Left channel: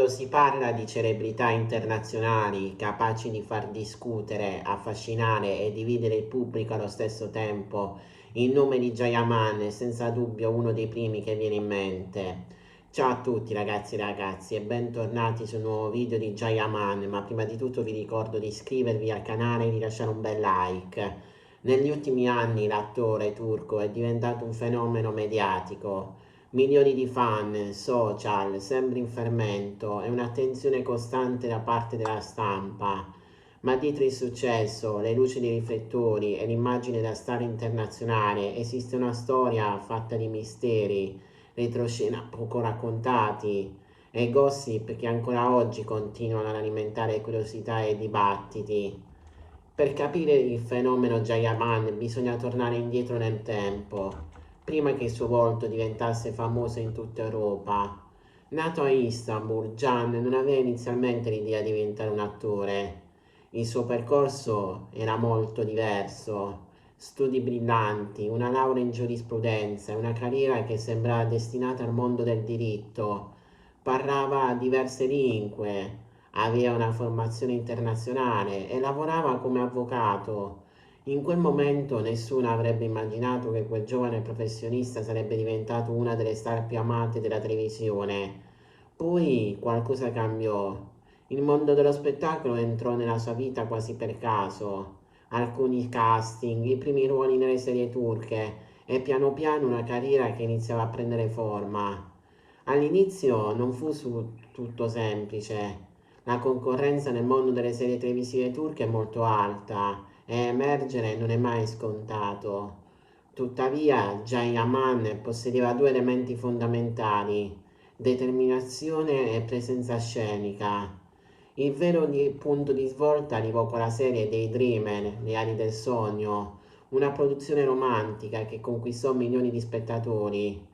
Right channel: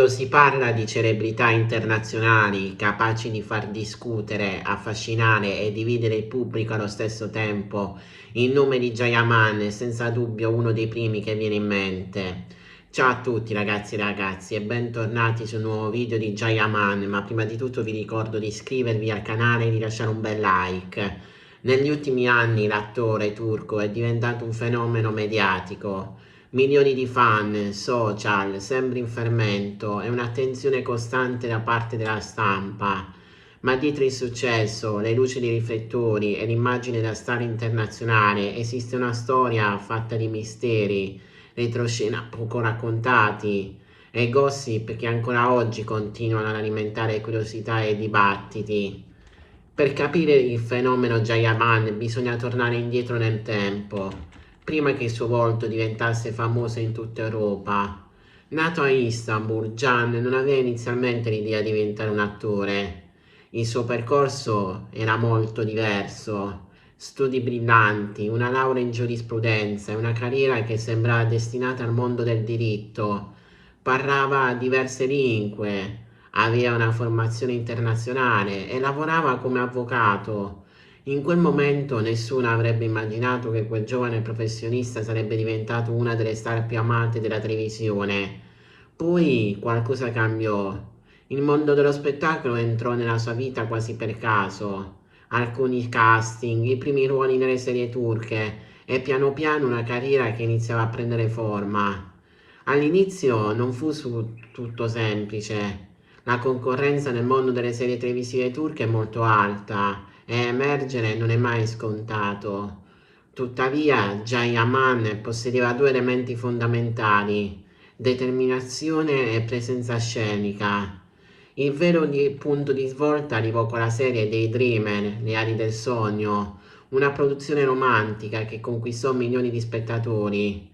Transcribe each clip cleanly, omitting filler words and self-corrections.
Quando si parla di celebrità internazionali capaci di far discutere, affascinare e dividere il pubblico allo stesso tempo, il nome di Jayaman è senza dubbio uno dei primi che viene in mente. Ciao a tutti ragazzi e ragazzi e bentornati su un nuovo video di Jayaman, ma prima di tutto vi ricordo di iscrivervi al canale e di lasciare un bel like. Negli ultimi anni l'attore turco è diventato un fenomeno mediatico. Milioni di fan, social, sempre in fermento e un'attenzione costante da parte della stampa. Ma dietro il successo, le luci dei riflettori e l'immagine da star internazionale esiste una storia fatta di misteri, retroscena poco raccontati e gossip che ancora oggi continuano ad alimentare curiosità e dibattiti. Per capire il fenomeno Jayaman bisogna tornare indietro nel tempo, prima che il suo volto diventasse famoso in tutta Europa. Nato a Istanbul, Can non aveva inizialmente l'idea di diventare un attore. Il suo percorso era molto diverso. Studi brillanti, una laurea in giurisprudenza e una carriera che sembrava destinata al mondo del diritto. Parlava diverse lingue, aveva una formazione internazionale e lavorava come avvocato. In quel momento nessuno avrebbe immaginato che quel giovane professionista sarebbe diventato una delle star più amate della televisione. Poi qualcosa cambiò. Il mondo dello spettacolo entrò nella sua vita quasi per caso. Alcuni casting, i primi ruoli nelle serie turche e piano piano una carriera che iniziava a prendere forma. All'inizio non fu tutto semplice. La concorrenza nel mondo delle serie televisive turche è molto alta e emergere non è mai scontato. Tuttavia, Jayaman possedeva due elementi fondamentali: determinazione e presenza scenica. Il vero punto di svolta arrivò con la serie dei Dreamer, Le ali del sogno, una produzione romantica che conquistò milioni di spettatori.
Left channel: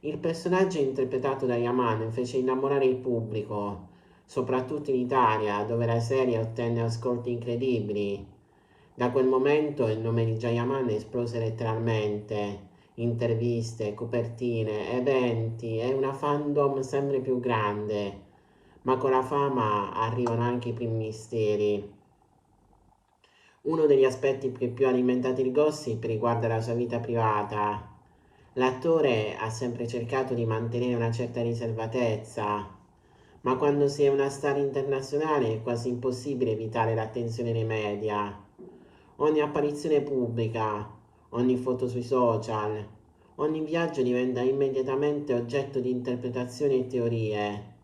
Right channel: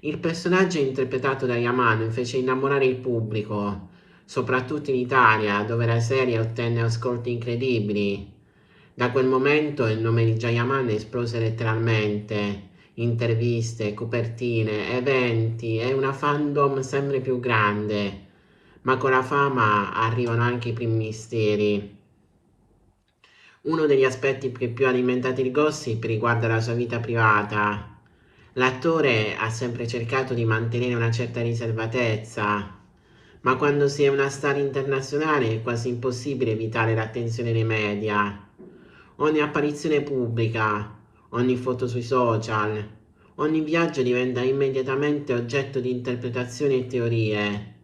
Il personaggio interpretato da Yaman fece innamorare il pubblico, soprattutto in Italia, dove la serie ottenne ascolti incredibili. Da quel momento il nome di Jayaman esplose letteralmente. Interviste, copertine, eventi e una fandom sempre più grande. Ma con la fama arrivano anche i primi misteri. Uno degli aspetti che più ha alimentato il gossip riguarda la sua vita privata. L'attore ha sempre cercato di mantenere una certa riservatezza, ma quando si è una star internazionale è quasi impossibile evitare l'attenzione dei media. Ogni apparizione pubblica, ogni foto sui social, ogni viaggio diventa immediatamente oggetto di interpretazioni e teorie.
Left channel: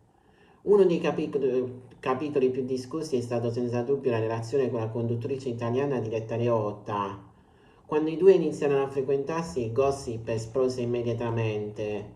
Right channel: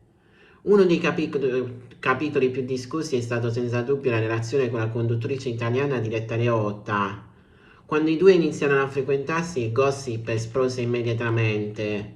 Uno dei capitoli più discussi è stato senza dubbio la relazione con la conduttrice italiana Diletta Leotta. Quando i due iniziarono a frequentarsi, il gossip esplose immediatamente.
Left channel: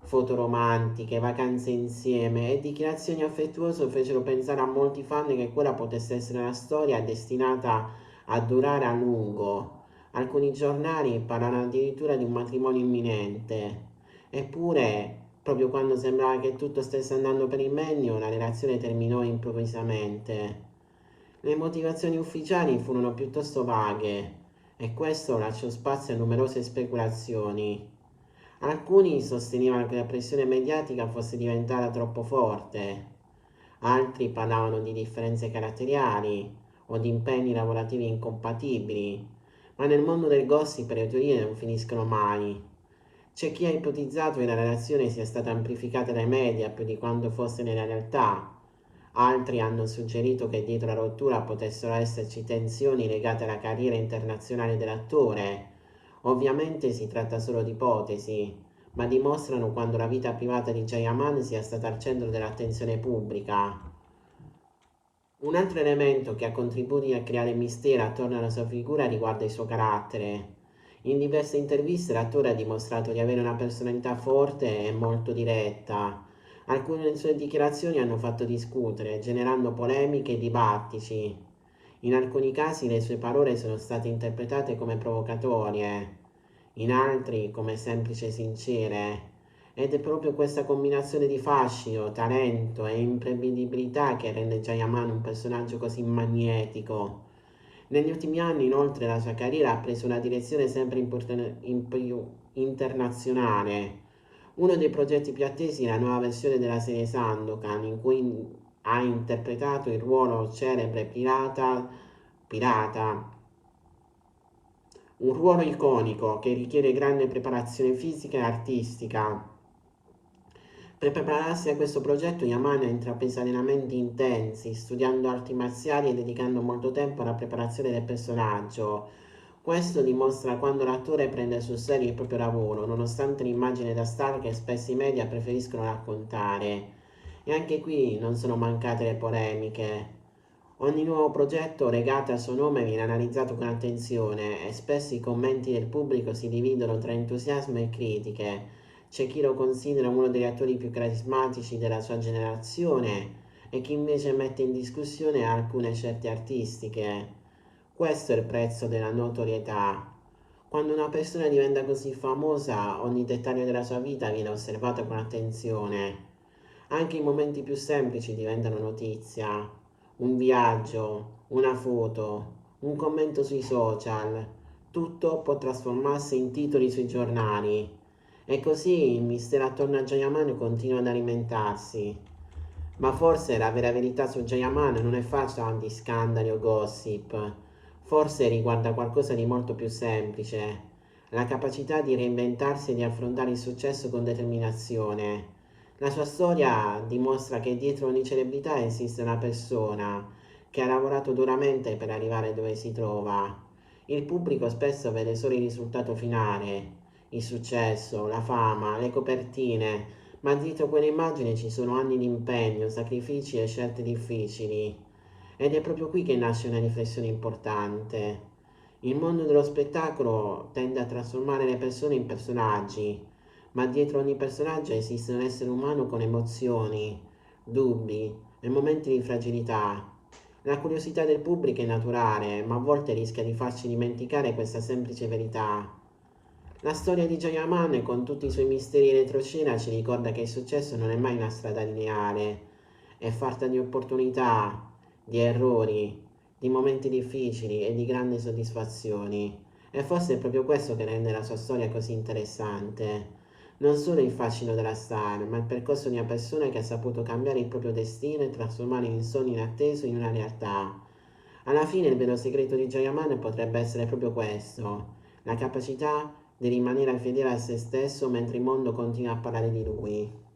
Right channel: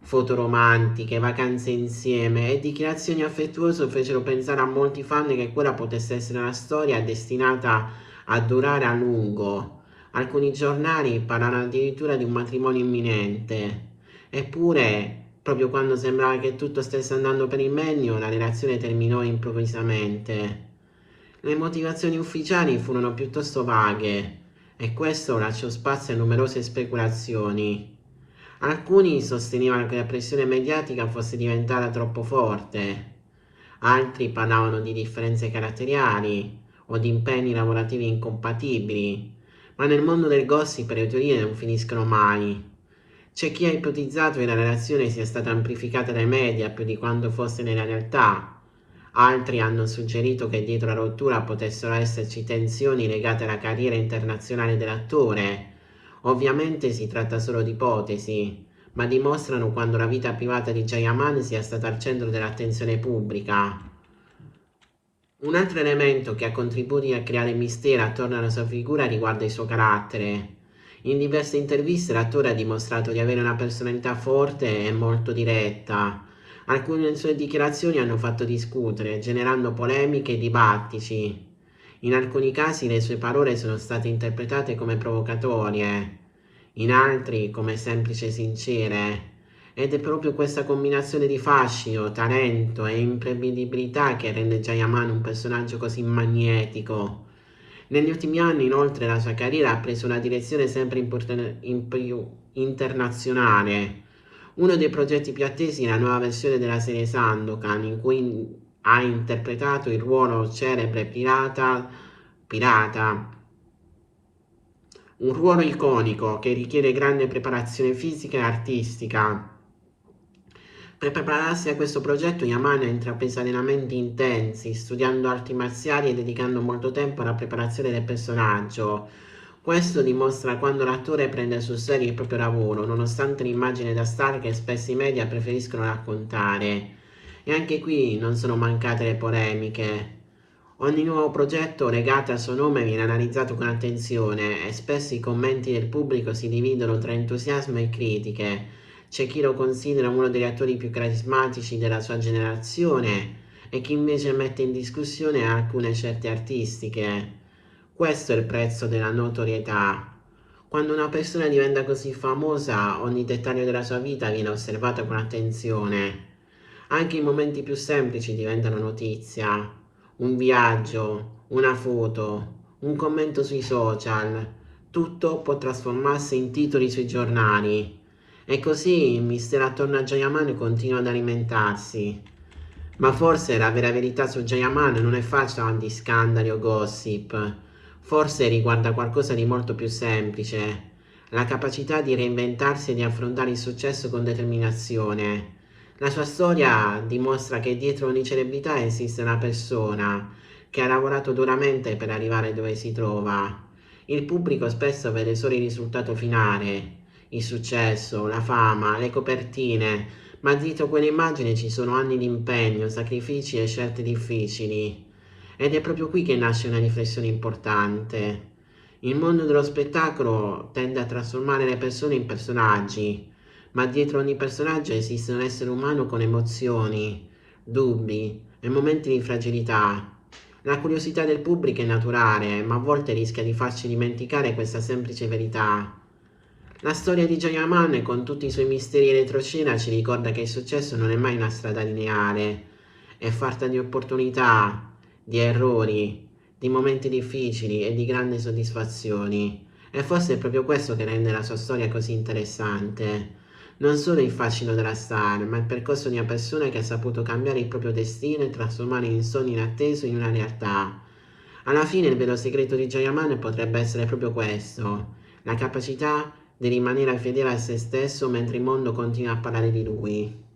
Foto romantiche, vacanze insieme e dichiarazioni affettuose fecero pensare a molti fan che quella potesse essere una storia destinata a durare a lungo. Alcuni giornali parlano addirittura di un matrimonio imminente. Eppure, proprio quando sembrava che tutto stesse andando per il meglio, la relazione terminò improvvisamente. Le motivazioni ufficiali furono piuttosto vaghe e questo lasciò spazio a numerose speculazioni. Alcuni sostenevano che la pressione mediatica fosse diventata troppo forte, altri parlavano di differenze caratteriali o di impegni lavorativi incompatibili, ma nel mondo del gossip le teorie non finiscono mai. C'è chi ha ipotizzato che la relazione sia stata amplificata dai media più di quanto fosse nella realtà. Altri hanno suggerito che dietro la rottura potessero esserci tensioni legate alla carriera internazionale dell'attore. Ovviamente si tratta solo di ipotesi, ma dimostrano quanto la vita privata di Jayaman sia stata al centro dell'attenzione pubblica. Un altro elemento che ha contribuito a creare mistero attorno alla sua figura riguarda il suo carattere. In diverse interviste l'attore ha dimostrato di avere una personalità forte e molto diretta. Alcune delle sue dichiarazioni hanno fatto discutere, generando polemiche e dibattiti. In alcuni casi le sue parole sono state interpretate come provocatorie, in altri come semplici e sincere. Ed è proprio questa combinazione di fascino, talento e imprevedibilità che rende Jayaman un personaggio così magnetico. Negli ultimi anni, inoltre, la sua carriera ha preso una direzione sempre più internazionale. Uno dei progetti più attesi è la nuova versione della serie Sandokan, in cui ha interpretato il ruolo celebre pirata, un ruolo iconico che richiede grande preparazione fisica e artistica. Per prepararsi a questo progetto, Yaman ha intrapreso allenamenti intensi, studiando arti marziali e dedicando molto tempo alla preparazione del personaggio. Questo dimostra quando l'attore prende sul serio il proprio lavoro, nonostante l'immagine da star che spesso i media preferiscono raccontare. E anche qui non sono mancate le polemiche. Ogni nuovo progetto legato al suo nome viene analizzato con attenzione e spesso i commenti del pubblico si dividono tra entusiasmo e critiche. C'è chi lo considera uno degli attori più carismatici della sua generazione e chi invece mette in discussione alcune scelte artistiche. Questo è il prezzo della notorietà. Quando una persona diventa così famosa, ogni dettaglio della sua vita viene osservato con attenzione. Anche i momenti più semplici diventano notizia. Un viaggio, una foto, un commento sui social, tutto può trasformarsi in titoli sui giornali. E così il mistero attorno a Jayaman continua ad alimentarsi. Ma forse la vera verità su Jayaman non è facile di scandali o gossip. Forse riguarda qualcosa di molto più semplice, la capacità di reinventarsi e di affrontare il successo con determinazione. La sua storia dimostra che dietro ogni celebrità esiste una persona che ha lavorato duramente per arrivare dove si trova. Il pubblico spesso vede solo il risultato finale, il successo, la fama, le copertine, ma dietro quell'immagine ci sono anni di impegno, sacrifici e scelte difficili. Ed è proprio qui che nasce una riflessione importante. Il mondo dello spettacolo tende a trasformare le persone in personaggi, ma dietro ogni personaggio esiste un essere umano con emozioni, dubbi e momenti di fragilità. La curiosità del pubblico è naturale, ma a volte rischia di farci dimenticare questa semplice verità. La storia di Jayaman, con tutti i suoi misteri e retroscena, ci ricorda che il successo non è mai una strada lineare, è fatta di opportunità, di errori, di momenti difficili e di grandi soddisfazioni. E forse è proprio questo che rende la sua storia così interessante. Non solo il fascino della star, ma il percorso di una persona che ha saputo cambiare il proprio destino e trasformare il sogno inatteso in una realtà. Alla fine il vero segreto di Jayaman potrebbe essere proprio questo, la capacità di rimanere fedele a se stesso mentre il mondo continua a parlare di lui.